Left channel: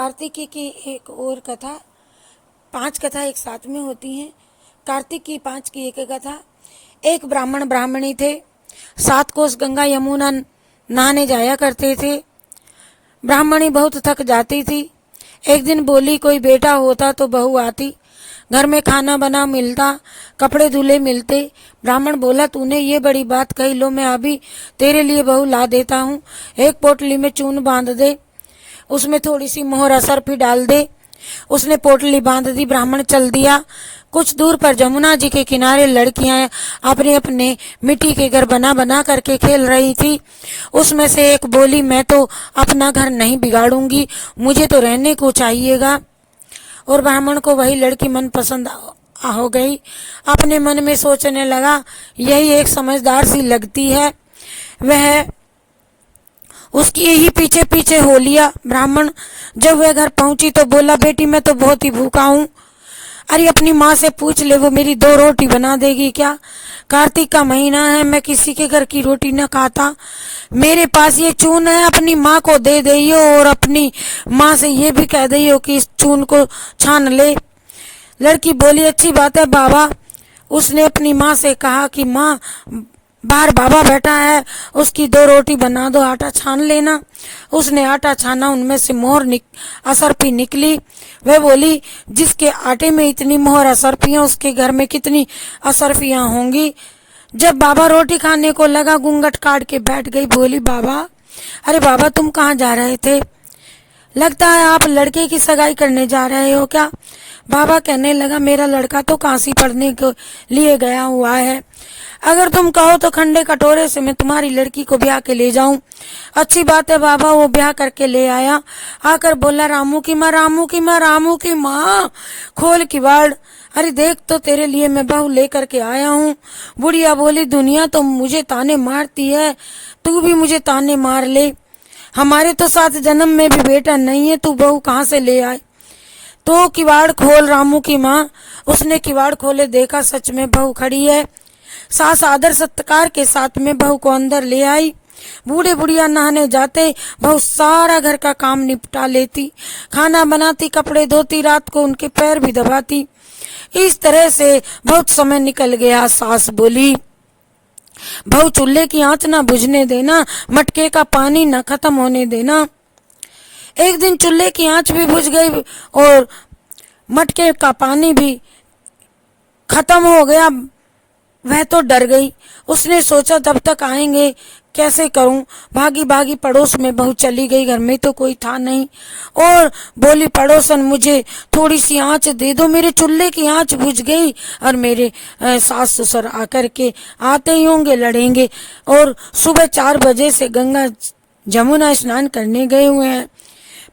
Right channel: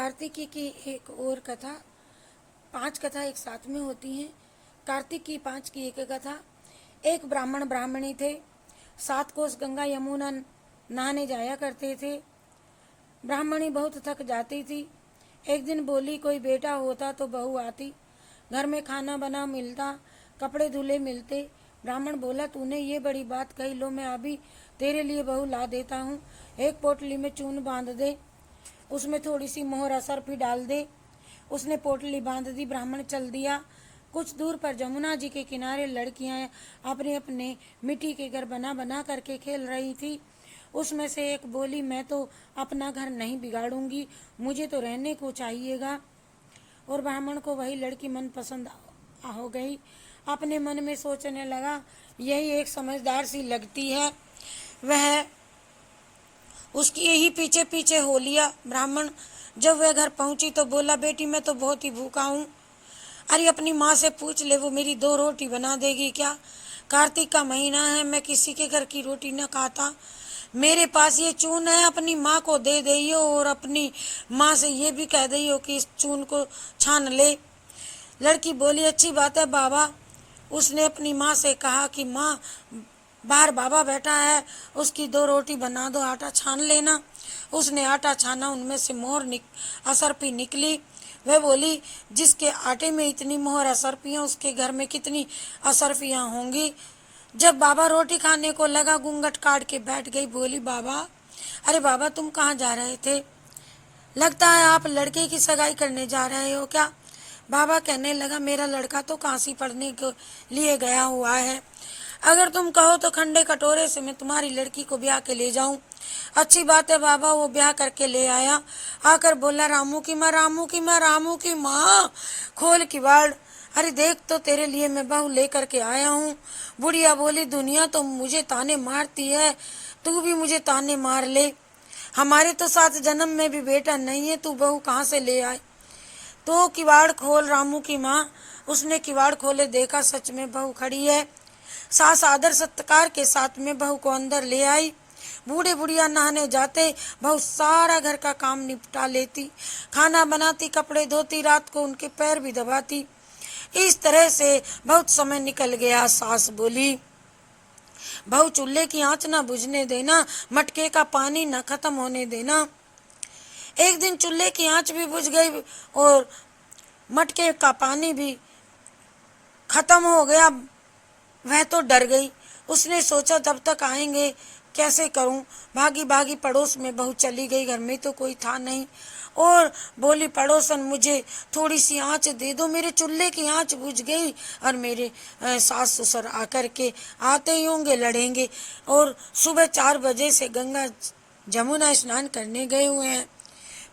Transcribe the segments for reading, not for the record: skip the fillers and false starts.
कार्तिकी की एक और कथा। 5 कथा एक साथ में होती हैं। कार्तिक की 5 की एक कथा। एक ब्राह्मण ब्राह्मणी थे। 7 कोस गंगा यमुना नहाने जाया करते थे। ब्राह्मणी बहुत थक जाती थी। एक दिन बोली, कोई बेटा होता तो बहू आती, घर में खाना बना मिलता, कपड़े धुले मिलते। ब्राह्मण बोला, तूने ये बड़ी बात कही, लो मैं अभी तेरे लिए बहू ला देता हूँ। एक पोटली में चून बांध दे, उसमें थोड़ी सी मोहर असरफी डाल दे। उसने पोटली बांध दी, ब्राह्मण चल दिया। कुछ दूर पर जमुना जी के किनारे लड़कियां अपने अपने मिट्टी के घर बना बना करके खेल रही थी। उसमें से एक बोली, मैं तो अपना घर नहीं बिगाड़ूंगी, मुझे तो रहने को चाहिएगा। और ब्राह्मण को वही लड़की मन पसंद हो गई। अपने मन में सोचने लगा, यही एक समझदार सी लगती है। वह उसकी ही पीछे पीछे हो लिया। ब्राह्मण जब वह घर पहुंची तो बोला, बेटी मैं तो बहुत ही भूखा हूँ। अरे अपनी माँ से पूछ ले, वो मेरी 2 रोटी बना देगी क्या? कार्तिक का महीना है, मैं किसी के घर की रोटी न खाता। मेरे पास ये चून है, अपनी माँ को दे दियो और अपनी माँ से ये भी कह दियो कि इस चून को छान ले। लड़की बोली, अच्छी बात है बाबा। उसने अपनी माँ से कहा कि माँ, बाहर बाबा बैठा है, उसकी 2 रोटी बना दो, आटा छान लेना। उसने आटा छाना, उनमें से मोहर असरफी निकली। वह बोली, जिसके आटे में इतनी मोहर असरफियां, उसके घर में कितनी असरफियां होंगी। जब बाबा रोटी खाने को लगा, घूंघट काट के बैठ गई। बोली, बाबा, अरे बाबा तुम कहाँ जा रहे थे? लगता है आप लड़के की सगाई करने जा रहे हो क्या? बाबा कहने लगा, मेरा लड़का तो काशी पढ़ने के लिए गया हुआ है। अगर तुम कहो तो खंडे कटोरे से मैं तुम्हारी लड़की को ब्याह के ले जाऊं। अच्छी बात है बाबा। वो ब्याह करके ले आया। आकर बोला, रामू की माँ, रामू की माँ, रामू की माँ, खोल किवाड़। अरे देख तो तेरे लिए मैं बहू लेकर के आया हूँ। बुढ़िया बोली, दुनिया तो मुझे ताने मारती है, तू भी मुझे ताने मार ले। हमारे तो 7 जन्म में भी बेटा नहीं है, तू बहू कहाँ से ले आए? तो किवाड़ खोल रामू की माँ। उसने किवाड़ खोले, देखा सच में बहू खड़ी है। सास आदर सत्कार के साथ में बहू को अंदर ले आई। बूढ़े बुढ़िया नहाने जाते, बहू सारा घर का काम निपटा लेती, खाना बनाती, कपड़े धोती, रात को उनके पैर भी दबाती। इस तरह से बहुत समय निकल गया। सास बोली, बहू चूल्हे की आंच ना बुझने देना, मटके का पानी न खत्म होने देना। एक दिन चूल्हे की आंच भी बुझ गई और मटके का पानी भी खत्म हो गया। वह तो डर गई। उसने सोचा, जब तक आएंगे कैसे करूं। भागी भागी पड़ोस में बहू चली गई। घर में तो कोई था नहीं और बोली, पड़ोसन मुझे थोड़ी सी आंच दे दो, मेरे चूल्हे की आंच बुझ गई और मेरे सास ससुर आकर के आते ही होंगे, लड़ेंगे। और सुबह 4 बजे से गंगा जमुना स्नान करने गए हुए हैं।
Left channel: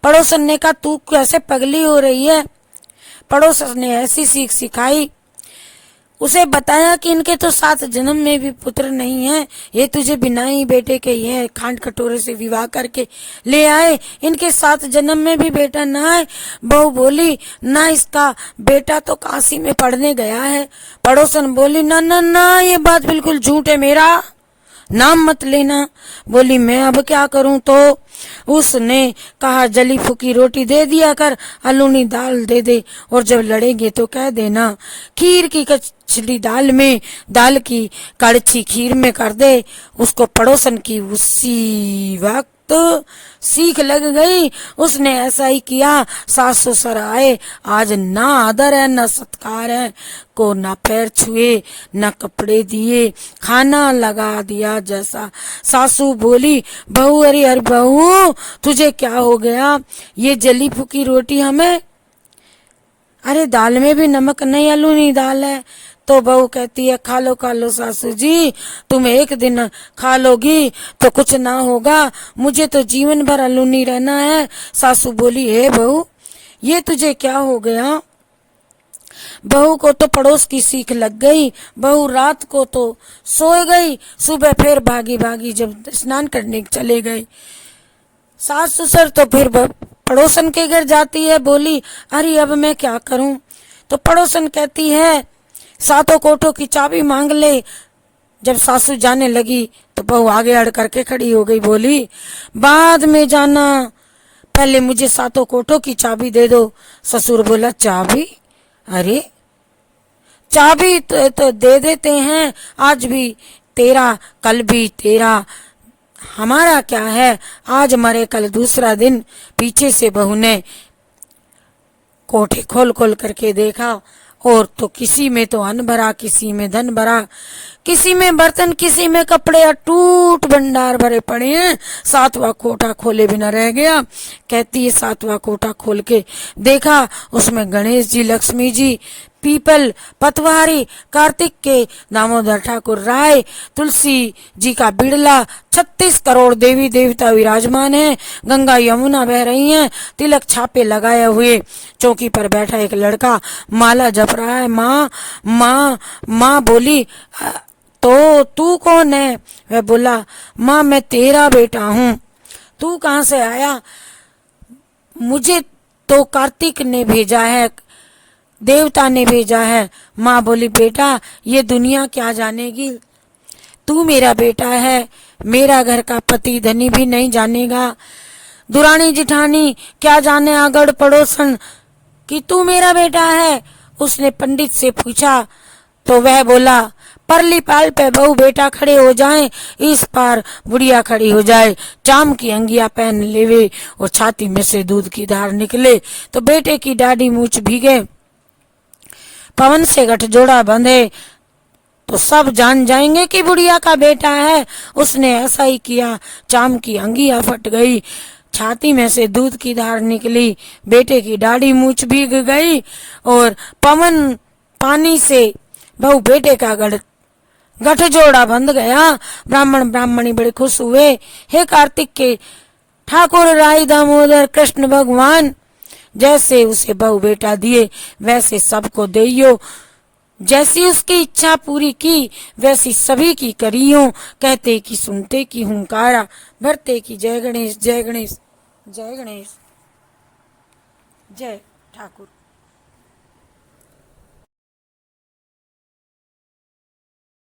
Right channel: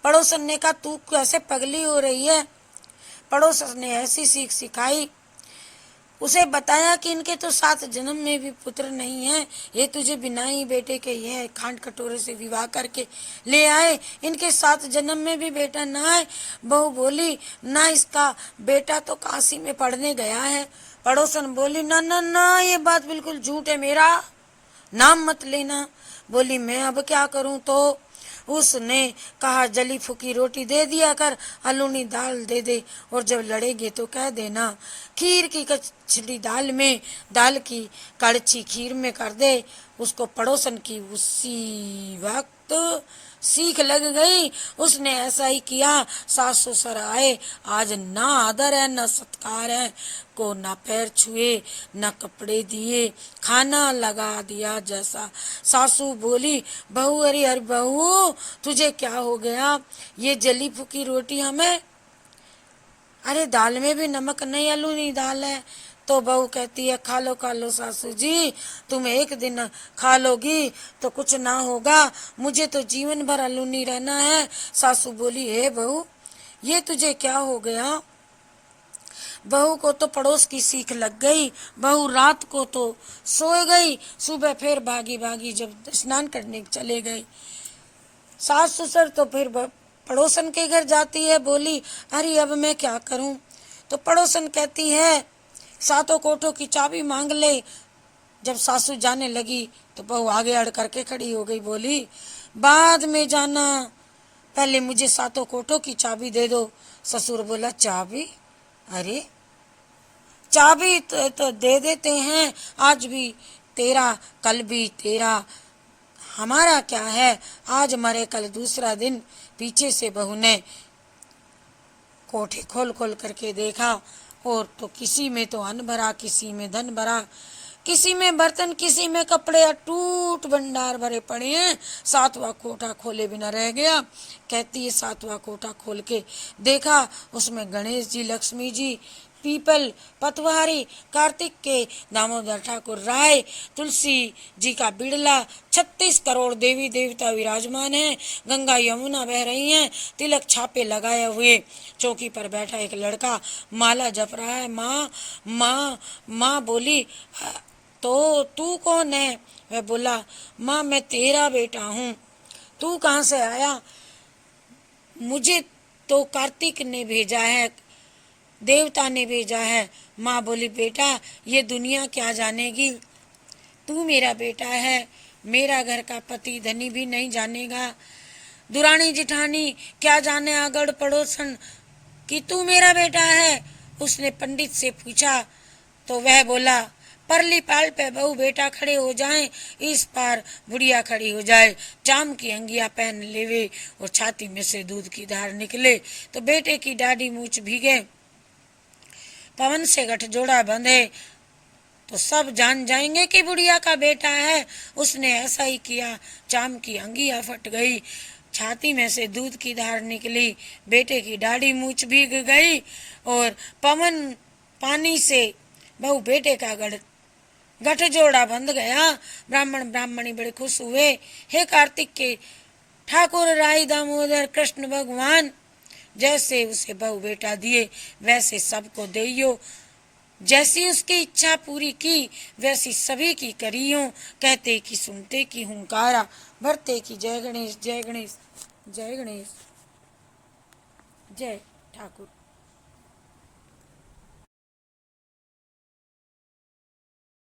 पड़ोसन ने कहा, तू कैसे पगली हो रही है? पड़ोसन ने ऐसी सीख सिखाई। उसे बताया कि इनके तो 7 जन्म में भी पुत्र नहीं है, ये तुझे बिना ही बेटे के ये खांड कटोरे से विवाह करके ले आए, इनके 7 जन्म में भी बेटा ना है। बहू बोली, ना, इसका बेटा तो काशी में पढ़ने गया है। पड़ोसन बोली, ना ना ना, ये बात बिल्कुल झूठ है, मेरा नाम मत लेना। बोली, मैं अब क्या करूं? तो उसने कहा, जली फूकी रोटी दे दिया कर, अलूनी दाल दे दे, और जब लड़ेंगे तो कह देना खीर की कचली दाल में, दाल की कड़छी खीर में कर दे। उसको पड़ोसन की उसी वक्त सीख लग गई। उसने ऐसा ही किया। सास ससुर आए, आज ना आदर है ना सत्कार है, को ना पैर छुए ना कपड़े दिए, खाना लगा दिया जैसा। सासू बोली, बहू, अरे बहू तुझे क्या हो गया? ये जली फूकी रोटी हमें, अरे दाल में भी नमक नहीं, अलूनी दाल है। तो बहू कहती है, खा लो सासू जी, तुम एक दिन खा लोगी तो कुछ ना होगा, मुझे तो जीवन भर अलूनी रहना है। सासू बोली, हे बहू, ये तुझे क्या हो गया? बहू को तो पड़ोस की सीख लग गई। बहू रात को तो सो गई, सुबह फिर भागी भागी जब स्नान करने चले गए। सास ससुर तो फिर पड़ोसन के घर जाती है। बोली, अरे अब मैं क्या करूं? तो पड़ोसन कहती है, 7 कोठों की चाबी मांग ले। जब सासू जाने लगी तो बहू आगे अड़ करके खड़ी हो गई। बोली, बाद में जाना, पहले मुझे सातों कोठों की चाबी दे दो। ससुर बोला चाबी? अरे चाबी तो दे देते हैं, आज भी तेरा कल भी तेरा, हमारा क्या है, आज मरे कल दूसरा दिन। पीछे से बहू ने कोठे खोल खोल करके देखा और तो किसी में तो अन्न भरा, किसी में धन भरा, किसी में बर्तन, किसी में कपड़े, अटूट भंडार भरे पड़े हैं। सातवां कोठा खोले बिना रह गया। कहती है सातवां कोठा खोल के देखा, उसमें गणेश जी, लक्ष्मी जी, पीपल, पतवारी, कार्तिक के दामोदर ठाकुर राय, तुलसी जी का बिड़ला, 36 करोड़ देवी देवता विराजमान हैं। गंगा यमुना बह रही हैं। तिलक छापे लगाए हुए चौकी पर बैठा एक लड़का माला जप रहा है। माँ माँ माँ बोली, तो तू कौन है? वह बोला, माँ मैं तेरा बेटा हूँ। तू कहाँ से आया? मुझे तो कार्तिक ने भेजा है, देवता ने भेजा है। माँ बोली, बेटा ये दुनिया क्या जानेगी, तू मेरा बेटा है, मेरा घर का पति धनी भी नहीं जानेगा। दुरानी जिठानी क्या जाने आगड़ पड़ोसन कि तू मेरा बेटा है। उसने पंडित से पूछा तो वह बोला, परली पाल पे बहू बेटा खड़े हो जाएं, इस पार बुढ़िया खड़ी हो जाए, चाम की अंगिया पहन लेवे और छाती में से दूध की धार निकले तो बेटे की दाढ़ी मूछ भीगे, पवन से गठजोड़ा बंधे तो सब जान जाएंगे कि बुढ़िया का बेटा है। उसने ऐसा ही किया, चाम की अंगिया फट गई, छाती में से दूध की धार निकली, बेटे की दाढ़ी मूछ भीग गई और पवन पानी से बहू बेटे का गठजोड़ा बंध गया। ब्राह्मण ब्राह्मणी बड़े खुश हुए। हे कार्तिक के ठाकुर राय दामोदर कृष्ण भगवान, जैसे उसे बहू बेटा दिए वैसे सबको देइयो, जैसी उसकी इच्छा पूरी की वैसी सभी की करियो। कहते कि सुनते की हुंकारा, भरते की जय गणेश जय गणेश जय गणेश जय ठाकुर।